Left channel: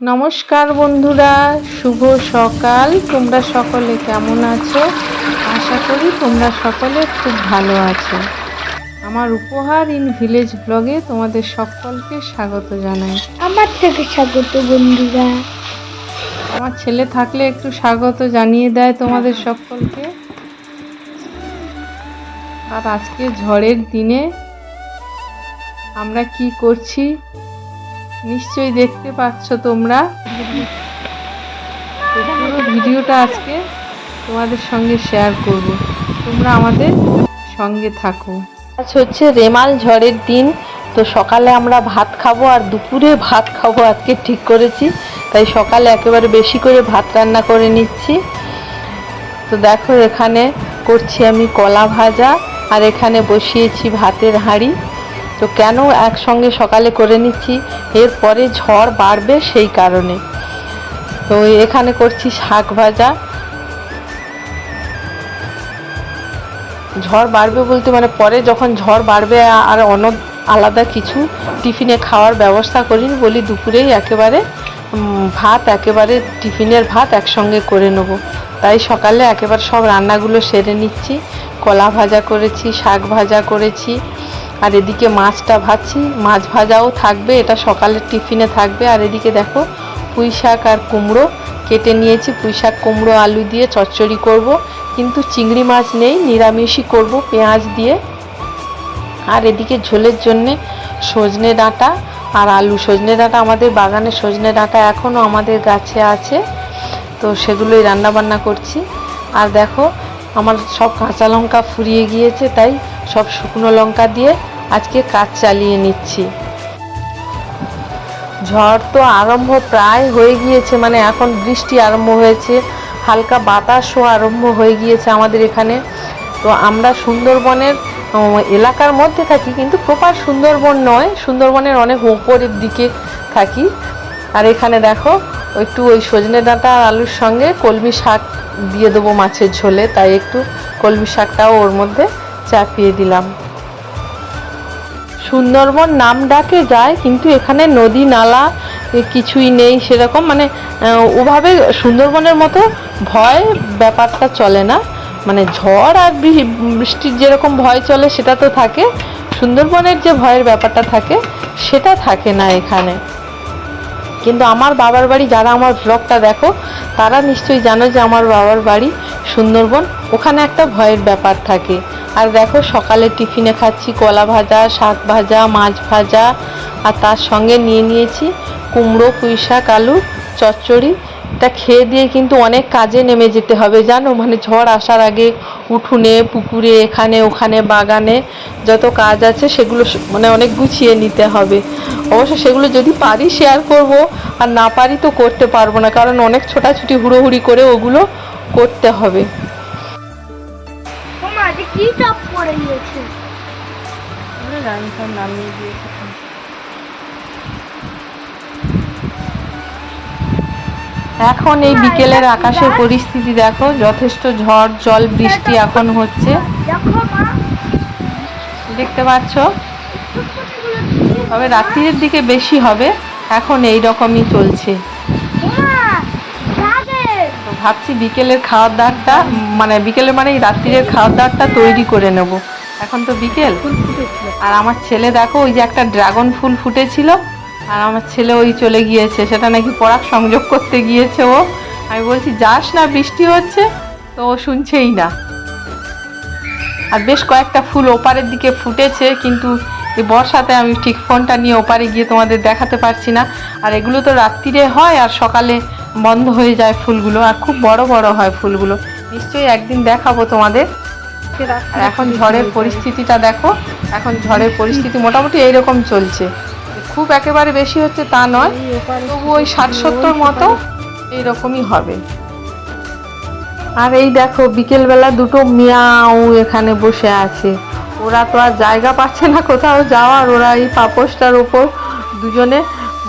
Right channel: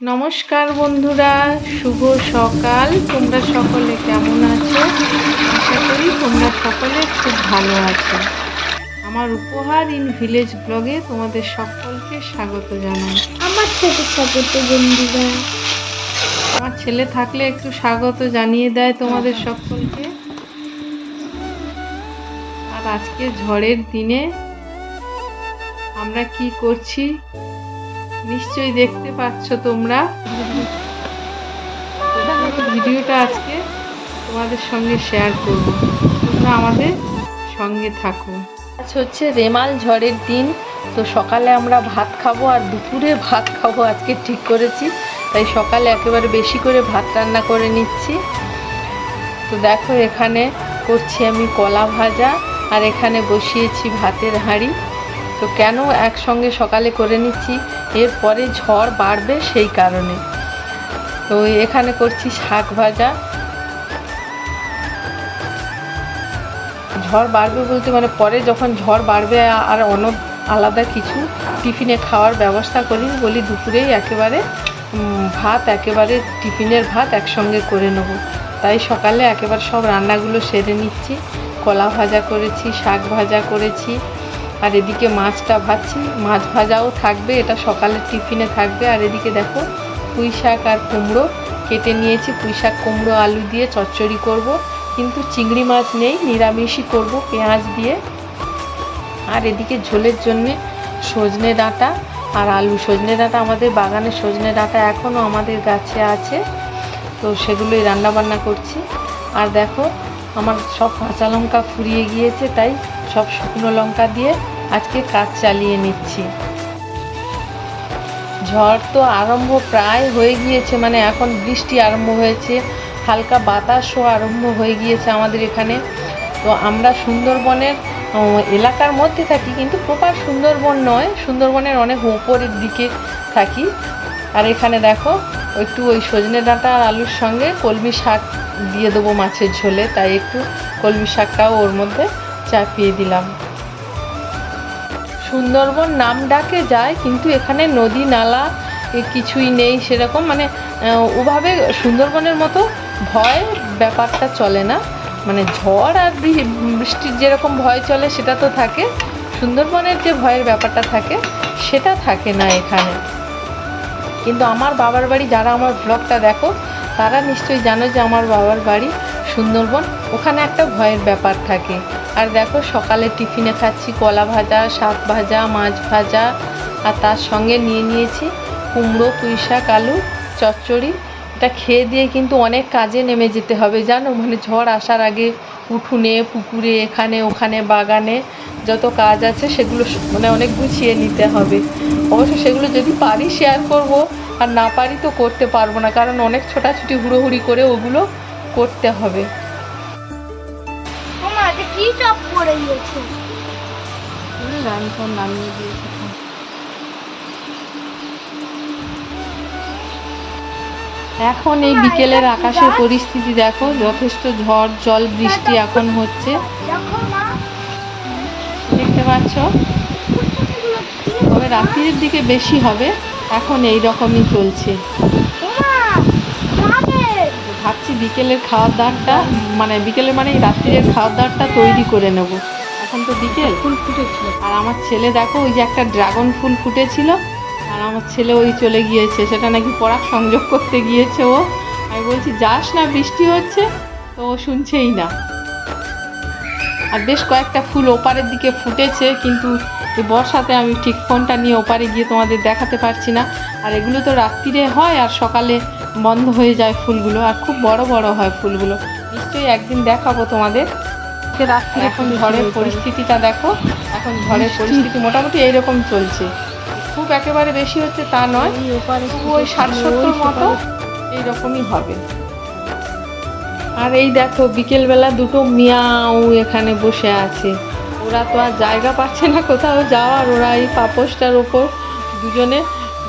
নমস্কার বন্ধুরা, শুভ সকাল। তোমরা সকলে কেমন আছো? আশা করি তোমরা সকলে খুব ভালো আছো। আমার উপহার ইন ভিলেজ ব্লগে তোমাদের সকলকে স্বাগত জানাই। আমার থেকে স্বাগত বন্ধুরা। আমার ছেলে থাকলে একটু স্বাগত জানিয়ে দেয় তোমাদের সকলকে। আর আজকে ঝড়ের দিনে আমরা কি করছি নিশ্চয়ই দেখতে পাচ্ছ তোমরা। পুরো ভিডিওটা আজকে তোমাদের সঙ্গে শেয়ার করব, তোমরা আমাদের সঙ্গে থাকো। আজ হচ্ছে রেমাল ঝড়ের দিন, তো সকালে আমরা ভাত খাবো আর দুপুরে ভাত খাবো আজকে ঠিক করেছি। তাই সকালে একেবারে বেশি করে ভাত রান্না করে নিচ্ছি। তো দেখো এখানে করছি আমি কলা ভাজা, আর এখানে বসিয়েছি ভাতের হাঁড়ি। তো কেন একসঙ্গে সকালে করে নিচ্ছি, এরপরে ঝড় বাড়বে সেই কারণে। তো এখানে করছি শাক ভাজা। ঝড় বাড়বে বলতে মানে পরে যখন ঝড় বাড়বে আর অন্য আলাদা কিছু টিফিনে খাওয়ার ব্যবস্থা করিনি, বলি দুপুরেই একেবারে ভাত, একেবারে টিফিনের ভাত একসঙ্গে করে নেব। তাই সকালে একেবারে সব রান্নাগুলো সেরে নিচ্ছি। কলা ভাজা করেছি, শাক ভাজা করেছি, আর এদিকে মাছটা ভাজছি। মাছ ভাজাও থাকবে, এটা সকালের টিফিনে থাকবে। আর এদিকে দেখো পুঁই শাক আর কুমড়ো কেটে নিয়েছি। পুঁই শাক কুমড়ো আলু দিয়ে চচ্চড়ি করব, কিন্তু চিংড়ি মাছ নেই, নিরামিষই করব পেঁয়াজ দিয়ে। আর এদিকে ঝোলের জন্যে সজনে ডাঁটা আর আলু। সজনে ডাঁটা আমাদের বাগানে, সজনে ডাঁটা এখনও আমাদের গাছে আছে, তো সেগুলোই রান্নাবান্না করছি। আর দেখো আমার সব কাঁচা লঙ্কা ফুরিয়ে গিয়েছে, তাই সব শুকনো লঙ্কা দিয়ে আজকে কাজ চালিয়ে নিচ্ছি। ঝড় তো আরম্ভ প্রায় হয়ে গিয়েছে, মানে এখন বৃষ্টি আরম্ভ হয়েছে, হালকা বাতাসও আরম্ভ হয়ে গিয়েছে আমাদের এখানে। তো আমরা সুন্দরবনের এলাকার মধ্যে থাকি, কিন্তু প্রপার সুন্দরবন নয়, সুন্দরবনের অনেক উপরের দিকে থাকি। আর এখানে দেখো একটু ওই সজনে ডাঁটা আর আলুর সঙ্গে কলমি শাক দিয়ে দেবো মাছের ঝোলে, তাই একটু কলমি শাকটাও ওর মধ্যে চাপিয়ে দিলাম। সুন্দরবন নাম ডাকে যায়, কিন্তু এখানে নদী নালা কিছুই নেই সেরকম, মানে ওভাবে সুন্দরবনের মতো ভয় ব্যাপারটা চলে না। মানে ঝড় আর বৃষ্টির যেরকম ভয় চলে সেটা তো থাকে, সুন্দরবনের যে ভয়ের ব্যাপারটা থাকে সেটা থাকে না এখানে। কিন্তু আমার বাবার বাড়ি, যারা আমার ব্লগটা দেখো তারা নিশ্চয়ই জানো যে আমার বাবার বাড়ি সুন্দরবন, ওখানে একটা ভয়ের ব্যাপার থাকে। আর দেখো সকালে টিফিনে খাচ্ছি কলা ভাজা, শাক ভাজা, মাছ ভাজা, আর তার সঙ্গে নিয়ে নিয়েছি কুমড়ো, পুঁই শাক, আলু চচ্চড়ি। এটা খেয়ে দিয়ে কিন্তু অনেক কাজে নেমে যেতে হবে জানো, মানে ঝড় আসার আগে উঠোনে, পুকুরে, এখানে ওখানে, বাগানে যত কাজ আছে সেগুলো মানে অনেক গুছিয়ে নিতে হবে। অবশ্য সেগুলো যদি পারি শেয়ার করব, আর না পারি তো করতে পারবো না, কারণ অনেক ছোটাছুটি হুড়োহুড়ি করে ওগুলো করতে হবে। কি চপ করে দিয়েছে? রান্না নামিয়ে দিয়েছি। এখন এই বিকেলের আকাশের পরিস্থিতি দেখো, যথেষ্ট ঝড় জল বৃষ্টি এখন হচ্ছে, দেখতে পাচ্ছ। তবে রাত্রির দিকে বেশি হবে, এখন এই রকমই চলছে। ভাবছি বিকেলের খাওয়ার দাওয়ারটা, মানে বিকেলের মানে রাত্রির খাওয়ার দাওয়ারটা তৈরি করে নেব। এখন তো বিকেল, ফুল ফুটেছিল। আর আমার ছেলে দেখো ওই যে একটা ড্রাগন ফুল ফুটেছিল, আর আমার ছেলে ওই চলে গিয়েছে, সেটা নাকি পরাগ সংযোগ করতে গিয়েছে ও। আমি বলছি যাস না, বৃষ্টি হচ্ছে, তো ও শুনছেই না। আর বেশ কয়েকটা ফুল ওপারের দিকে ফুটেছে, কিন্তু এই বর্ষাতে আমি ঠিক ফোনটা নিয়ে ওপারে গিয়ে তোমাদের দেখাতে পারছি না। আর এগুলো তো রাত্রিরে হয় আর সকালে বন্ধ হয়ে যায় ফুলগুলো, আর খুব বড় বড় হয় ফুলগুলো। নিশ্চয়ই একদিন দেখাবো তোমাদের। এখন ঝড়ের পরিস্থিতিটা দেখো, এখন ঝড়ের পরিস্থিতি মোটামুটি এইরকম চলছে, খুব একেবারে বেশি হচ্ছে তা নয়, তবু ওই 60-70 মতো এইরকমই হবে। আর এই দেখো বিকেলবেলা দুটো মিয়াও এখানে বসে আছে, ওরা তো আর জায়গা পাচ্ছে না কোথাও যাওয়ার, ওরা এই পাপোশটার ওপর দুজনে,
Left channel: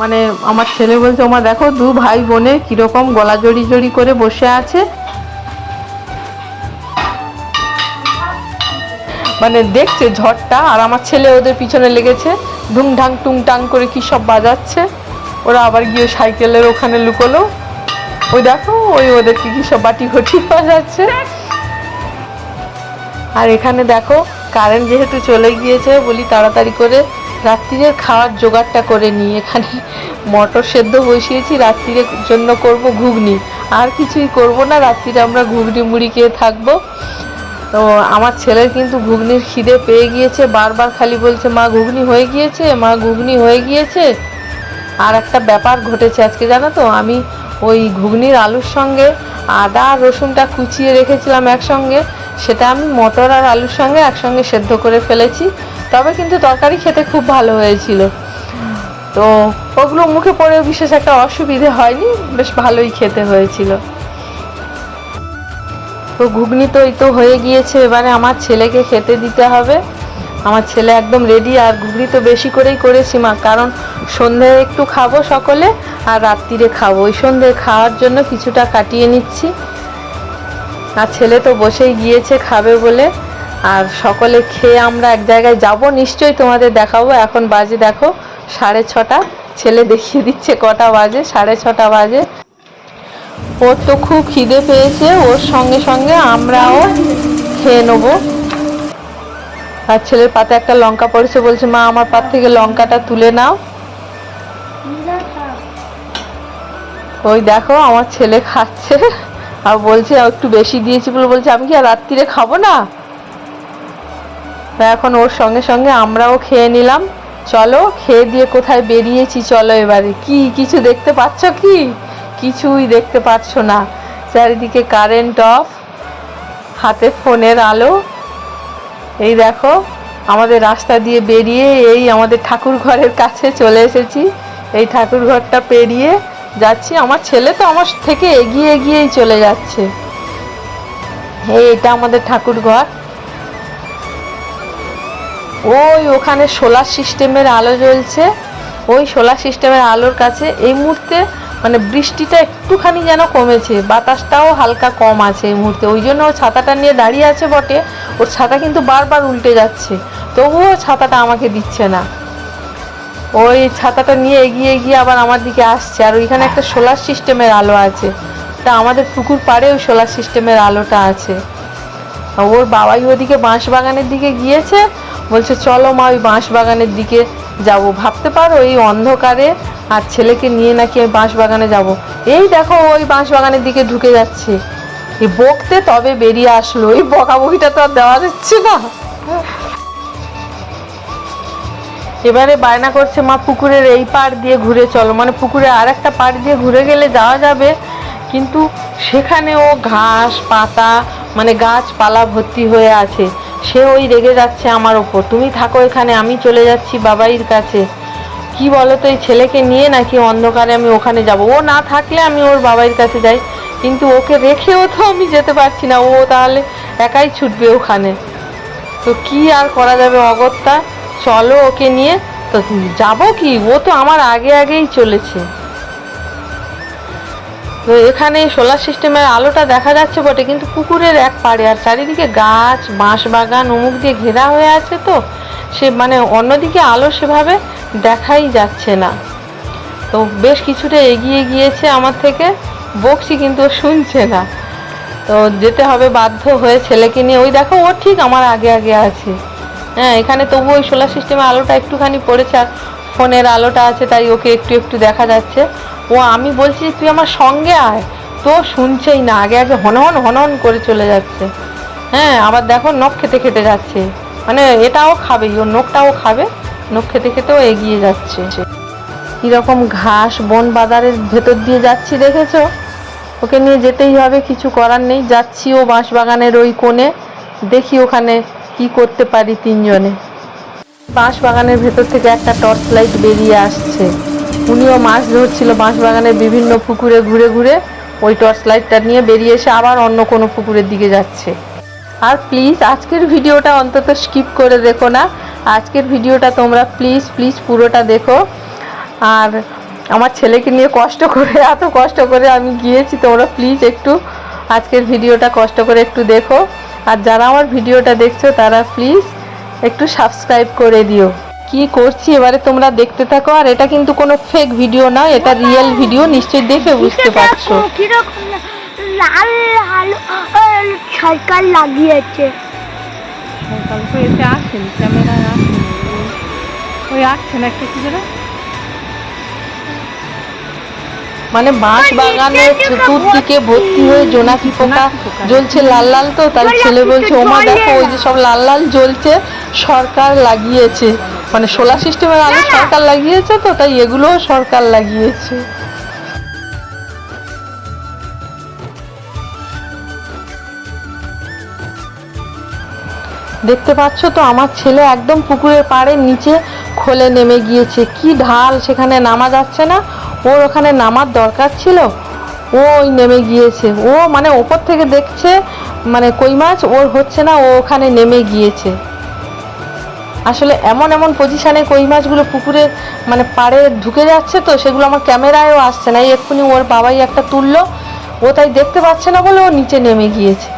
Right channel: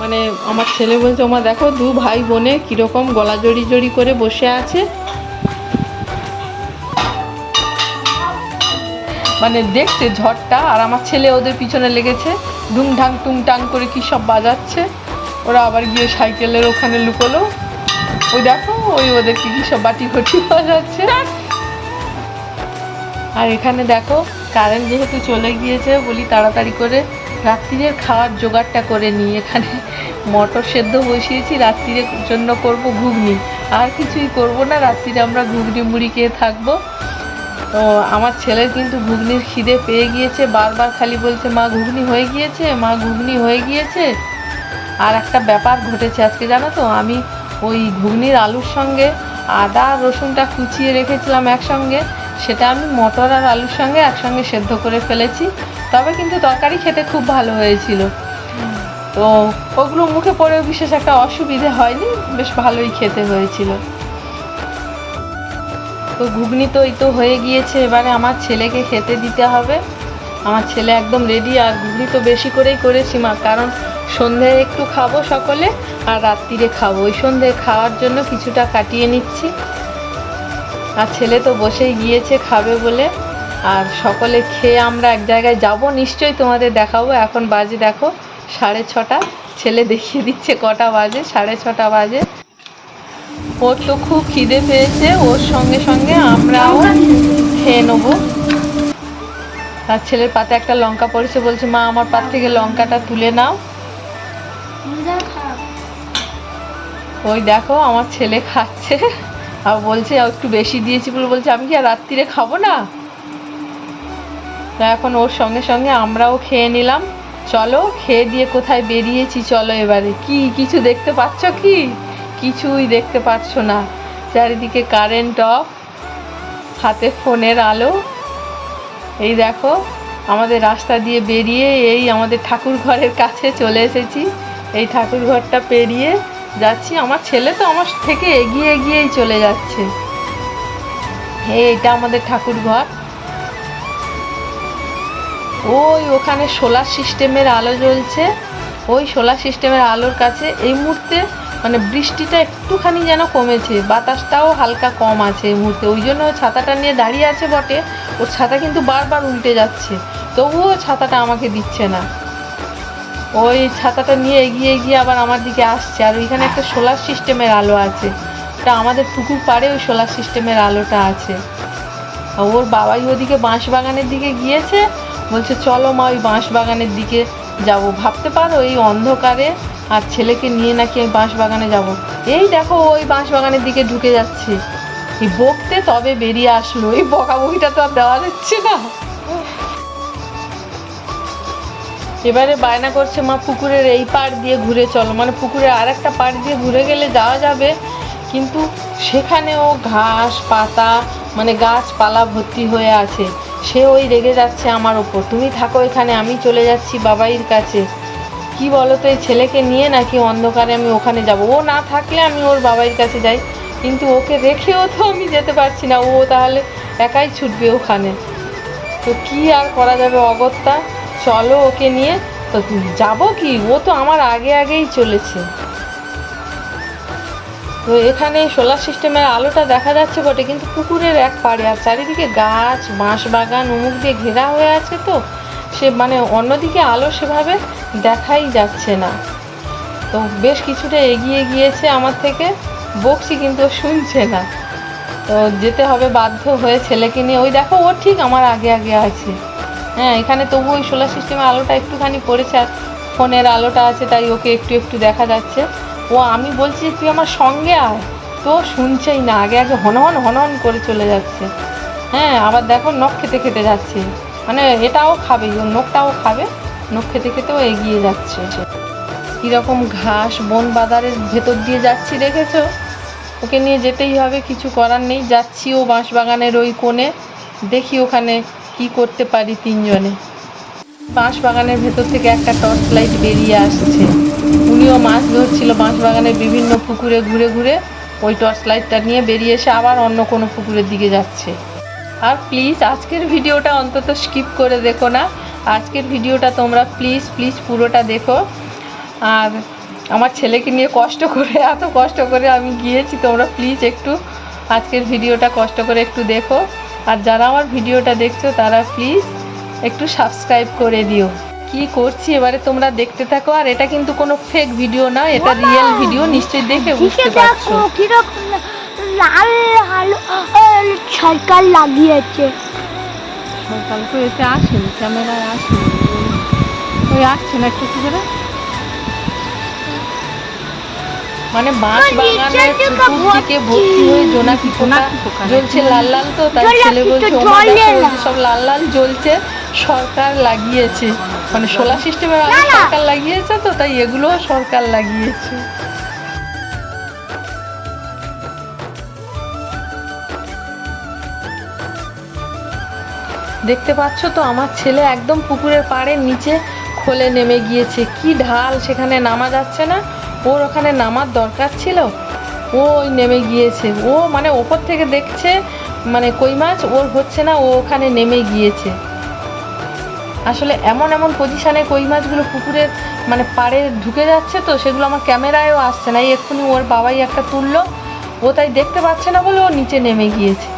মানে আমার ছেলে বলছে ওমা দেখো দু ভাই বোনে কিরকম গলা জড়ি জড়ি করে বসে আছে, মানে দেখছে ঝড়টা। আর আমার ছেলে ওদের পিছনে লেগেছে, ঢুংঢাং টুংটাং করে কি সব বাজাচ্ছে। ওরা আবার গিয়ে সাইকেলের ওখানে লুকোলো। ওই দেখো ওই ওদেরকে কি সব বাটি ঘটি পাওয়া যাচ্ছে। আর এখানে দেখো কারেন্ট যেহেতু চলে গিয়েছে বলি তাড়াতাড়ি করে রাত্রিরের খাওয়ার জোগাড়টা করে নিই। এখানে মটর সেদ্ধ বসিয়েছি, রাত্রিরের জন্য করব ঘুগনি, আর কিছুই করব না। রাত্রিরে আমরা ঘুগনি মুড়ি খেয়ে থাকবো। তো আমার ছেলের কিন্তু ঘুগনির খিদে পেয়ে গিয়েছে, বারবার খালি বলছে মা ঘুগনি হয়ে গিয়েছে, মা ঘুগনি হয়ে গিয়েছে। আর একটা ব্যাপার ঘটেছে আজকে জানো তো, আমি ওই ঘুগনির আলুর সঙ্গে আদা আর রসুনটা কুচিয়ে রেখেছিলাম একসঙ্গে, সেটা আমি মটর আর আলুর সঙ্গে একসঙ্গে সেদ্ধ করে ফেলেছি। তবে কিন্তু তরকারি খেতে খুব ভালো হয়েছিল। তো ওগুলো মুখে পড়ে বিশেষ একটা অসুবিধে হয়নি, বেশ ভালোই খেতে হয়েছিল। তো ঘুগনি তো এই তো হয়ে গিয়েছে, এবারে আমার ছেলেকে খেতে দিতে হবে। আমার ছেলে একদম রেডি। আর ঘুগনি তো বেশি করেই করেছি মা, কারণ সন্ধে একটু খাবো সকলে আর রাত্রিরে খাবো, ওই সন্ধে খাওয়ার জন্য কিছুটা কাটিয়ে নিচ্ছি। আর ছেলে তো বসেই গিয়েছে খাবে বলে। আর সকলে খেয়ে আমরা এক জায়গায় যাব, নিশ্চয়ই তোমাদের দেখাবো। এখন বাজে দেখো 6:30, ছেলে দেখিয়ে দিচ্ছে কটা বাজে, 6:30 বাজে। ওর তো খুব খিদে পেয়েছে, ওর সঙ্গে সঙ্গে আমরাও খেয়ে নেবো। আর ছেলের পাতে একটা লঙ্কা পড়েছে, বলছে মা আমার পাত থেকে লঙ্কাটা তুলে নাও। ওই দেখো আমার ছেলে খাচ্ছে আর বলছে একটু বেশি দিয়েছি বলে, বলছে আমি কি আর রাত্রিরে খাবো না। তা এখন ওর সঙ্গে সঙ্গে আমরাও খেয়ে নিলাম। চলো খেয়ে দিয়ে কোথায় বেরিয়েছি চলো এবারে। কি কিছু দেখতে পাচ্ছ কি? কিছুই দেখতে পাচ্ছ না, চারিদিকে কারেন্ট অফ, হাতে ফোনের আলো। এই দেখো আমাদের রাস্তা দিয়ে বেরিয়ে এই আমাদের ঠাকুর ঘরের কাছে চলে এসেছি। এই ঠাকুর ঘরটা পেরিয়ে যাচ্ছি। আমার ছেলে তো আমার থেকে এগিয়ে এগিয়েই চলে যাচ্ছে। এটা আমাদের ঠাকুর ঘর। ওই ওখানে সোলার সিস্টেমের আলো জ্বলছে, ওই সোলার সিস্টেমের আলোর কাছে এই মুহূর্তে মানে বৃষ্টিটা একটুখানি যেন কমেছে, বাতাসটাও হালকা কম আছে এই মুহূর্তে। ওই জন্য ও ছাতাটা নিয়ে দাঁড়িয়ে আছে বটে, ওর ছাতা কিন্তু বারবার উল্টে যাচ্ছে, তবুও ছাতাটা আমাকে দিচ্ছে না। ওই ছাতাটা নিয়ে এগিয়ে গিয়ে আবার আমার দিকে আসছে। আর ওইখানে একটা সোলার সিস্টেমের আলো আছে, তা আমাদের পুকুর পাড়ে ওই সোলার সিস্টেমের আলোটা আছে। ওর বাবাই ওদিকে বাঁশবাগানের দিকে গিয়েছে, বলছে চলো মা ওই বাঁশবাগানের দিকে যাব। ভাবতে পারো এই অন্ধকারে আর ছেলেকে নিয়ে নাকি বাঁশবাগানে যাব। এই দেখো ওই বাঁশবাগানের দিকে ঢুকে যাচ্ছে, এই বকতে তবে বেরিয়ে আসলো। এই বকাবকিটা তো আর দেওয়া যাচ্ছে না। এবারে বায়না করছে মা পুকুরের এই পাড় দিয়ে ঘুরে চলো, মানে পুকুরের আর একটা পাড় দিয়ে ঘুরে গেলে যাওয়া যাবে, কিন্তু সেখানেও ঘাস পাতা মানে গাছপালা ভর্তি হয়ে আছে। সে ওই রেগে যাচ্ছে আমার ওপর, তুমি থাকো এখানে, আমি চলে যাচ্ছি বাবাইয়ের কাছে। কি বলো তো, এই ছেলেকে নিয়ে নাকি অন্ধকারে আমি ওখানে যাব? ও না থাকলে আমি ওর বাবাইয়ের কাছে যাই, কিন্তু ওকে রেখেও তো আমি যেতে পারছি না, ও তাহলে একাই ছুটবে ওখানে। তো কি আর করা যাবে অগত্যা, চলো ওকে নিয়ে। তো যাবো কি, ও তো আমার আগে আগেই চলেছে। তো এখানে সোলার সিস্টেমের আলোটা দেখা যাচ্ছে বটে, কিন্তু পুকুরের এক পাড়ে, আর চারিদিকে গাছ বাঁশবাগান অমুক দিয়ে ঘেরা হয়ে আছে, তো সে মানে অন্যদিকে আলো সেভাবে দেখাই যাচ্ছে না। তো বেশ কিছুটা এগিয়ে গিয়েছে আমার থেকে, বকছি কিন্তু শুনছে না। তো যেতে হবে বাধ্য হয়ে ছেলেকে নিয়ে। ওই দেখো ও ঠিক আমার আগে আগে আছে। হ্যাঁ এখানে তবু ওই সোলার সিস্টেমের আলোটা একটুখানি পড়েছে, আর ফোনের আলোটা আছে, তাই ওকে একটু একটু দেখা যাচ্ছে। ও আমি বলছি তুই আমার সঙ্গে আয়, তো শুনছেই না, আগে আগে হনহন হনহন করে চলে যাচ্ছে। হ্যাঁ আবার দেখো নখ খেতে খেতে যাচ্ছে, মানে এটাও খাবে, ওর নখটাও খাবে, নখ খেতে খেতেও এগিয়ে যাচ্ছে। কীরকম ঘাস বন বাজারের ভেতর দিয়ে যাচ্ছি দেখেছো, ওকে নিয়ে যেতেই হবে, কিছু করার নেই। যাচ্ছি ও বাঁশবাগানের ওই কোণে, দেখি ওখানে কি করতে পারি তিনজনে। বাঁশবাগানের ভেতর থেকে একটা টর্চ লাইট বেরিয়ে আসছে, উনিও মাছ ধরছিল বাঁশবাগানের বিভিন্ন পুকুরে ঘুরে ঘুরে, ওই টর্চ লাইটটা নিয়ে বেরিয়ে এসে আবার অন্য কোনো পুকুরের দিকে যাচ্ছে। আর প্লিজ আজকের ভিডিওটা অন্তত স্কিপ করে দেখো না, আজকের ভিডিওটা তোমরা প্লিজ প্লিজ পুরোটা দেখো। আর আমার ছেলেকে নিয়ে কষ্ট করে, এত কষ্ট করে আমি গিয়েছি, তোমরা প্লিজ একটু আজকের ভিডিওটা কষ্ট করে একটু দেখো। আর যারা আমার ভিডিওটা দেখছো তারা প্লিজ একটু সাবস্ক্রাইব করে দিও। কি করছি এবারে তোমরা দেখতে থাকো। আর এটা কিন্তু কোনো ফেক ভিডিও না, এটা রিয়েল ভিডিও, নিশ্চয়ই দেখে বুঝতে পারছো। কিরকম লাল লাল সরকার লাগিয়েছে। সকাল তো এতে আসেনি, ক্যামেরায় আসেনি, ওই আসছে না একটু করে। মানে বাঁশ বাগানের চতুর্দিকে ভর্তি হয়ে জোনাকি পোকা জ্বলছে লাল লাল। তো তাই ছেলে বলছে ওমা দেখো ওই যে সব লাল লাল জ্বলছে, সরকার লাগিয়েছে, মানে সোলার সিস্টেমের আগে সরকার লাগিয়েছে, তো তাই এগুলোও সরকার লাগিয়েছে। দেখতে পাচ্ছ তো আমার ছেলে একদম পুকুরের পাড়ের নিচে খোলে নেমে গিয়েছে। কি ঢাল, সেখানে নামা যাচ্ছে না, ওর ওখানে নামার দরকার ছিল, ও ওই নেমে গিয়েছে। ও মানে ওপর থেকে দেখছে মানে কই মাছ, ওর হচ্ছে না, ও ওখানে নেমে গিয়েছে। আসলে এমন এমন পজিশনে কই মাছগুলো পুকুরের মানে পাড়ে ঢুকে যাচ্ছে, তো সেগুলো আমার ক্যামেরায়ও আসছে না। এই এক্ষুনি ওর বাবাই একটা তুললো, ও তাই দেখতে পাচ্ছে না বলে ও নিচে নেমে গিয়েছে।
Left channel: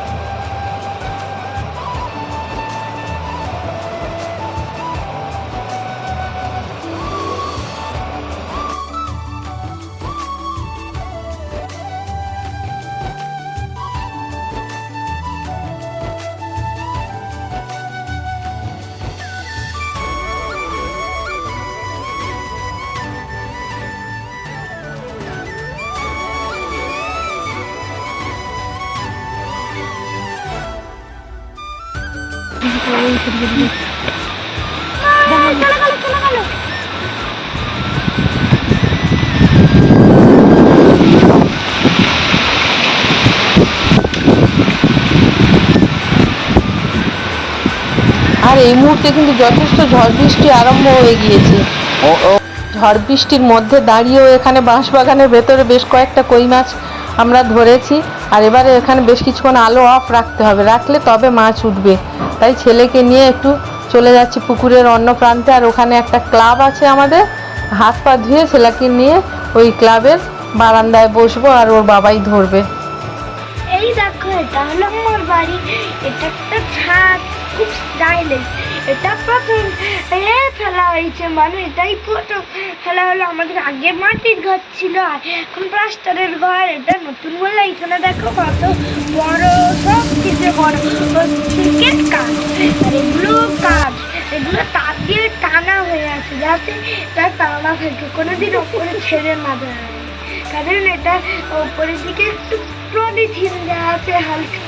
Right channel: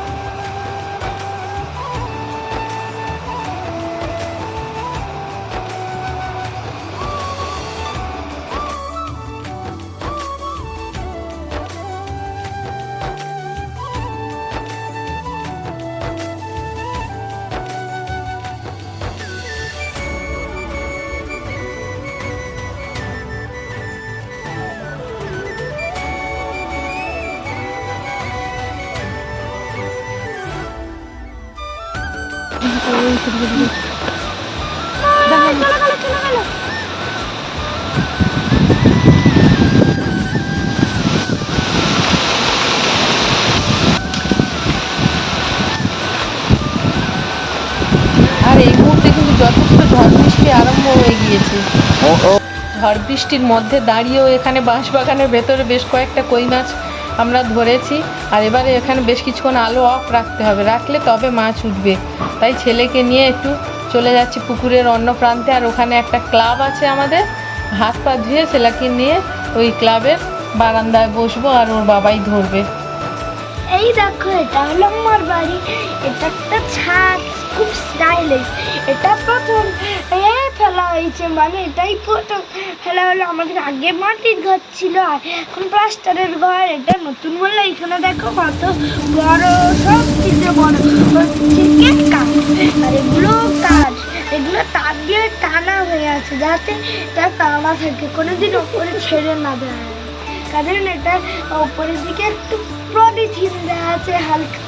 আর এই মুহূর্তে কিন্তু যথেষ্ট ঝড় বৃষ্টি আরম্ভ হয়ে গিয়েছে। ঝড় বৃষ্টির মধ্যে দাঁড়িয়েও এখানে বাঁশবাগানের ভেতরে বেশ কয়েকটা কই মাছ আমরা ধরেছি। আর এবারে এখানে বেশ কিছুক্ষণ আলো অফ রাখতে হবে, রাখলে তবে মাছ উঠবে। তাই ছেলেকে নিয়ে একটু চলে যাচ্ছি পুকুরের অন্য প্রান্তে। আর ওখানে একটা ক্লাব আছে আমাদের, হাত পা ধুয়ে ছেলেকে নিয়ে ওই ক্লাবের বারান্দায় বসবো, আর ওর বাবাই ধরবে। এই দেখো এটা হলো আমার বাড়ি, এটা একটা ছাদ, খুব স্টাইলিশ। এটা প্রথম ফেলা হয়েছে, মানে এটাই প্রথম ফেলা হলো। আমাদের আগে মাটির ঘর ছিল, আর এখন প্লাস্টারের ঘর। এটা নতুন বললে এখানে দেখো কত বড়, সব কিছু বড় হচ্ছে কাঠ। আর এগুলো কাঠ, এগুলো তার দিয়ে টানা হয়ে আছে যাতে এটা টানা থাকে, কোনোদিন ওপরে ছেড়ে না দেয়। কারণ এটা ওপরের দিকে একটু পলিথিন দেওয়া আছে হালকা,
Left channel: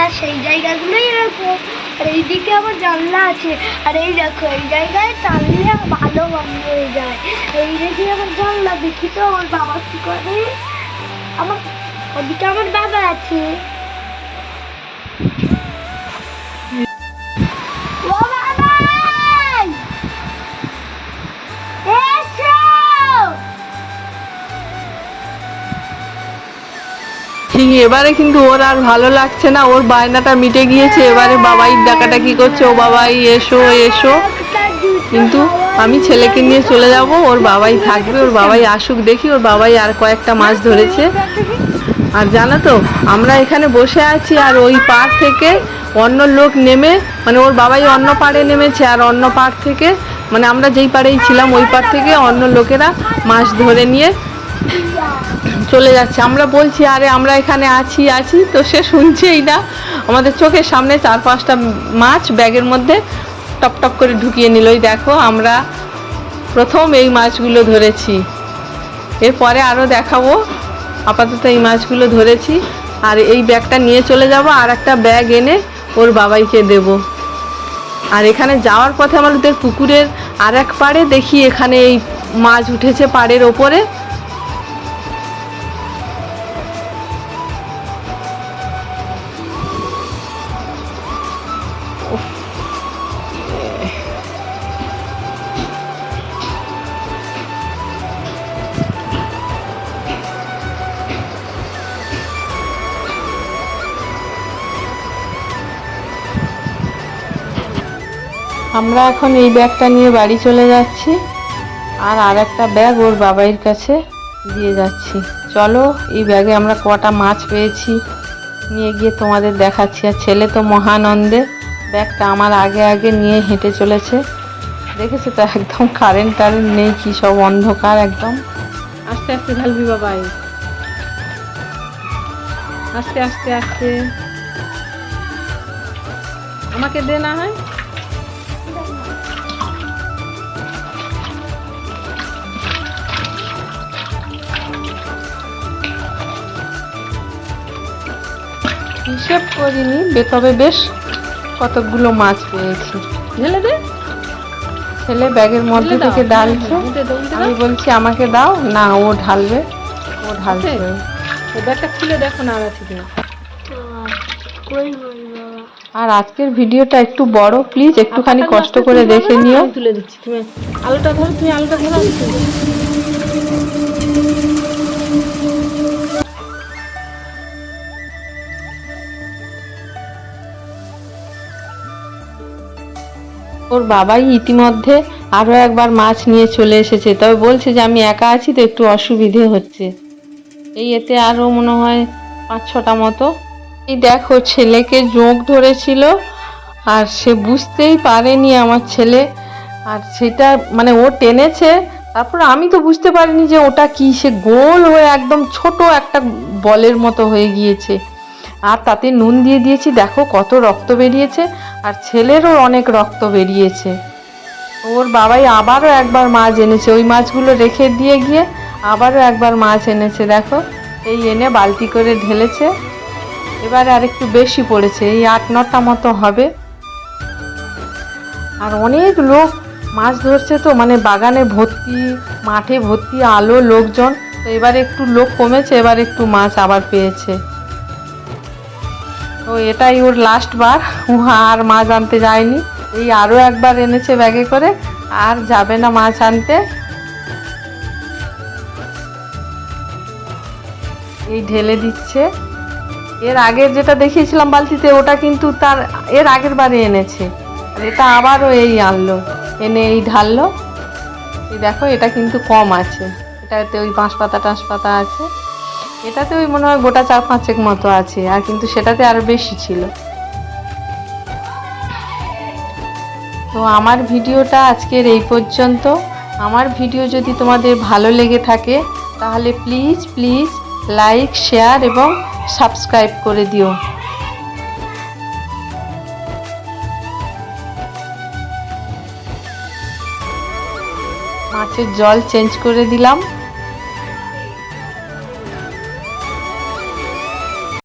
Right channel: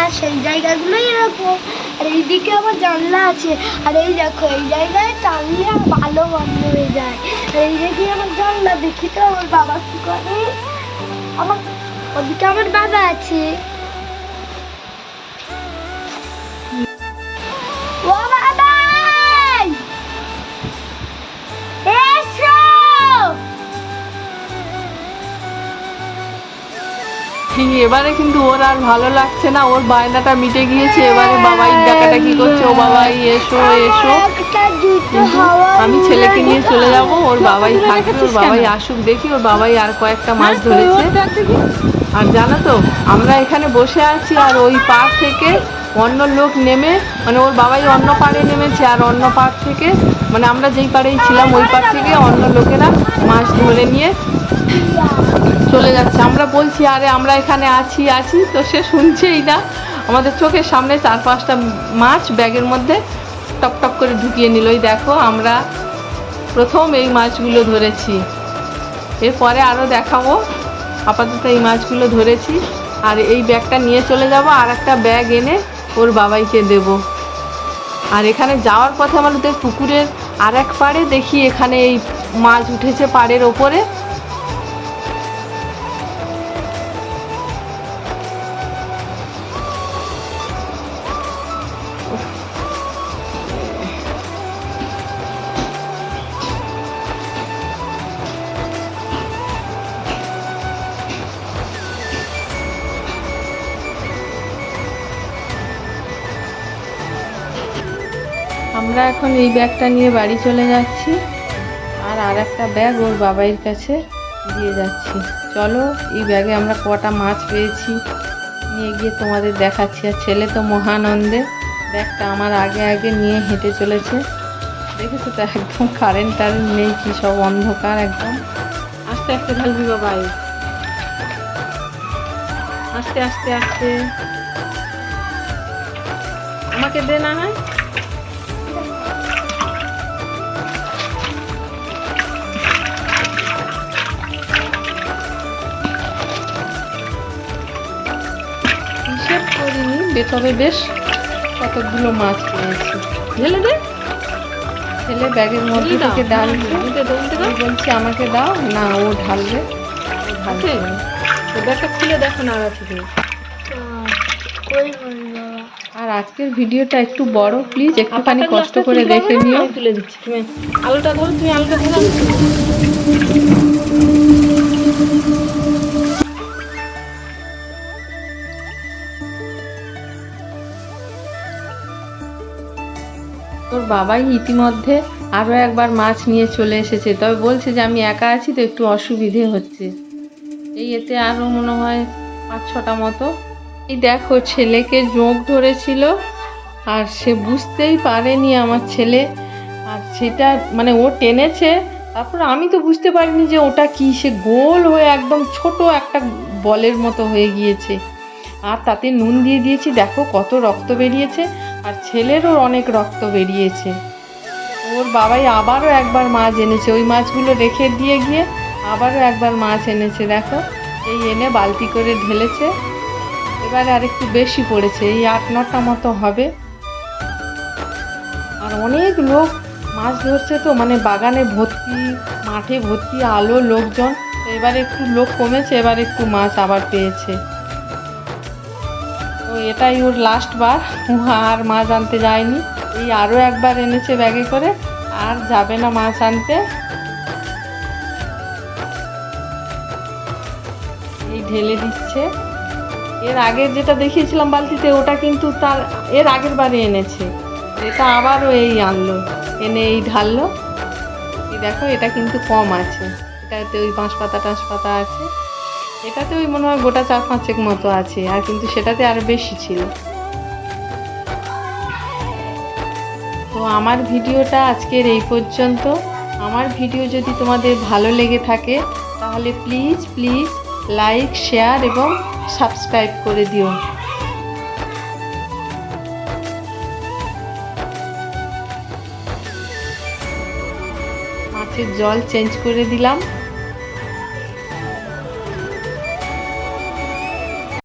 আর সেই জায়গাগুলোই এরকম। আর এইদিকে আবার জানলা আছে, আর এই দেখো এই জায়গায় টানলে ভালো বন্ধ হয়ে যায়। আর এই দিকে আবার জানলা, দেখি তো আমার বাবা কি করে। আমার ওদিকে আমার বাবা আছে। ও বাবা এসো। এবারে কিন্তু ওর আর ভালো লাগছে না, ওর বায়নাটা মিটে গিয়েছে। এবারে বাবাই ডাকাটা কি করছে, ও বাবাই এসো এসো। কিন্তু আমি ছেলেকে নিয়ে চলে যাব, ওর বাবাই থাকবে, ওর বাবাই আসুক। দেখি ওর বাবাই আর কয়েকটা মাছ ধরেছে। আর জানো তো আমরা এখানে বসে আছি, আর ওই পাড় থেকে অন্য লোক নেমে, মানে ওর বাবাই অন্য পাড়ে নেমেছে, আর অন্য পাড় থেকে মানে আমরা যেই পাড়েই ছিলাম ওই পাড় থেকে অন্য লোকেরা মাছ ধরে নিয়ে চলে যাচ্ছে। আমরা বলছি আরে আমরা এখানে আছি আছি, তো সে শুনছেই না। আমাদের চোখের সামনে 4-5টা মাছ ব্যাগের মধ্যে টপ টপ করে ঢুকিয়ে নিল। দেখো আমরা প্রথম এই মাছগুলো ধরেছি, এরপরে আরও দেখাবো। আপাতত এই মাছগুলো ধরেছি, আর এই ব্যাগটা নিয়ে চলে যাব, আর একটা ব্যাগ এনে ওর বাবাইকে দেব। আর এখানে যাওয়ার পথে আমাদের পুকুরের আর এক পাড়ে দেখি এখানে এই মাছ উঠেছে পাড়ের ওপরে। আমরা এখন এই ব্যাগটা নিয়ে বাড়ি চলে যাচ্ছি, আর একটা ব্যাগ ওর বাবাইয়ের কাছে দিয়ে যাচ্ছি। চলো এই ব্যাগে আমরা কটা মাছ পেয়েছি নিয়ে গিয়ে তোমাদের দেখাচ্ছি। আর ছেলে তো মহানন্দে ব্যাগটা আমার আগে আগে নিয়ে হেঁটে চলেছে। দেখেছো তো একদম কারেন্ট টারেন্ট নেই, কি সব অন্ধকার একদম। আস্তে আস্তে ঢালবি বাবাই, আস্তে আস্তে আস্তে। আমাকে দে না হয়। হিসেব করিনি, তবে বেশ কতগুলো মাছ পেয়েছি। ঢেলে দে। ছেলে ব্যাগের মধ্যে থেকে ডালছে, আমি বলছি আমাকে দাও, না ও ঢালবে, ও ঢালছে। ব্যাগটা খুলে দেখো না থেকে। আর আজকের ভিডিওটা একটু বড়, প্লিজ একটুখানি কষ্ট করে দেখে নিও। তুলে দিচ্ছি, তুমি আলুটা ধরো, তুমি আলুটা ধরো, আমি তুলে দিচ্ছি। ওর বাবাই ইতিমধ্যে আরো একবার মাছ নিয়ে চলে এসেছে, তবে বলছে যে আমি একা আছি তো একটু অসুবিধে হচ্ছে। এই এতে আরো মনে হয় 5-6টা মতো। এই দেখো ছেলেকে জোঁক ধরেছিল, আর সে বুঝতেই পারেনি আমার ছেলে, আর সেটা মানে ও টেনেছে, তারপর আমি তো বুঝতে পারিনি যে ওটা কি, সে গোল হয়ে একদম ছোট একটা বলের মতো হয়ে গিয়েছে। আর তাতে নুন দিয়ে দিয়েছি, দেখো কত রক্ত বেরিয়েছে, আর ছেলেরও অনেক রক্ত বেরিয়েছে। ওর বাবাই আবারও একবার মাছ এনেছে, ওই মাছগুলো রেখে দিয়ে গিয়ে আবারও একবার মাছ এনেছে, দেখো এই এনে বালতি করে ঢেলেছে। এবারে আর একটু বেশি পড়েছে, এই 8-9টা মতো হবে। আর অনেক লোক মাছ ধরছে তো, মানে বাগানে ভর্তি, মাঠে ভর্তি আলো লোকজন। তো এবারে একটু লোক কমেছে, এবার একটু মাছ আবার পেয়েছে। তো এটাই ওর লাস্ট বার, ও আর মাছ আনতে যায়নি। এই আরও একবার এনেছে ব্যাগে করে, আর যাবে না মাছ আনতে। এই ঢেলে দিচ্ছে। এর আগের যেটা দেখিয়েছিলাম বালতিতে, ওটা কিন্তু তার এর আগের বারে এনেছে, এটা আবারও এই আনলো, এনে এই ঢাললো। এই দেখো এটা কিন্তু কম আছে, এটাতে ওই বাঁশপাতা টাঁশপাতা আছে, এটাতে ওই মনে হয় গোটা 4-5 মতো আছে, আর কিন্তু সেটাতে আরো বেশি ছিল। তো আমার ভিডিওটা আজকের এই পর্যন্ত। আমার ভিডিও যদি তোমাদের ভালো লেগে থাকে তাহলে প্লিজ প্লিজ লাইক, শেয়ার এবং সাবস্ক্রাইব করে দিও। মাছের জল চেঞ্জ করে দিলাম।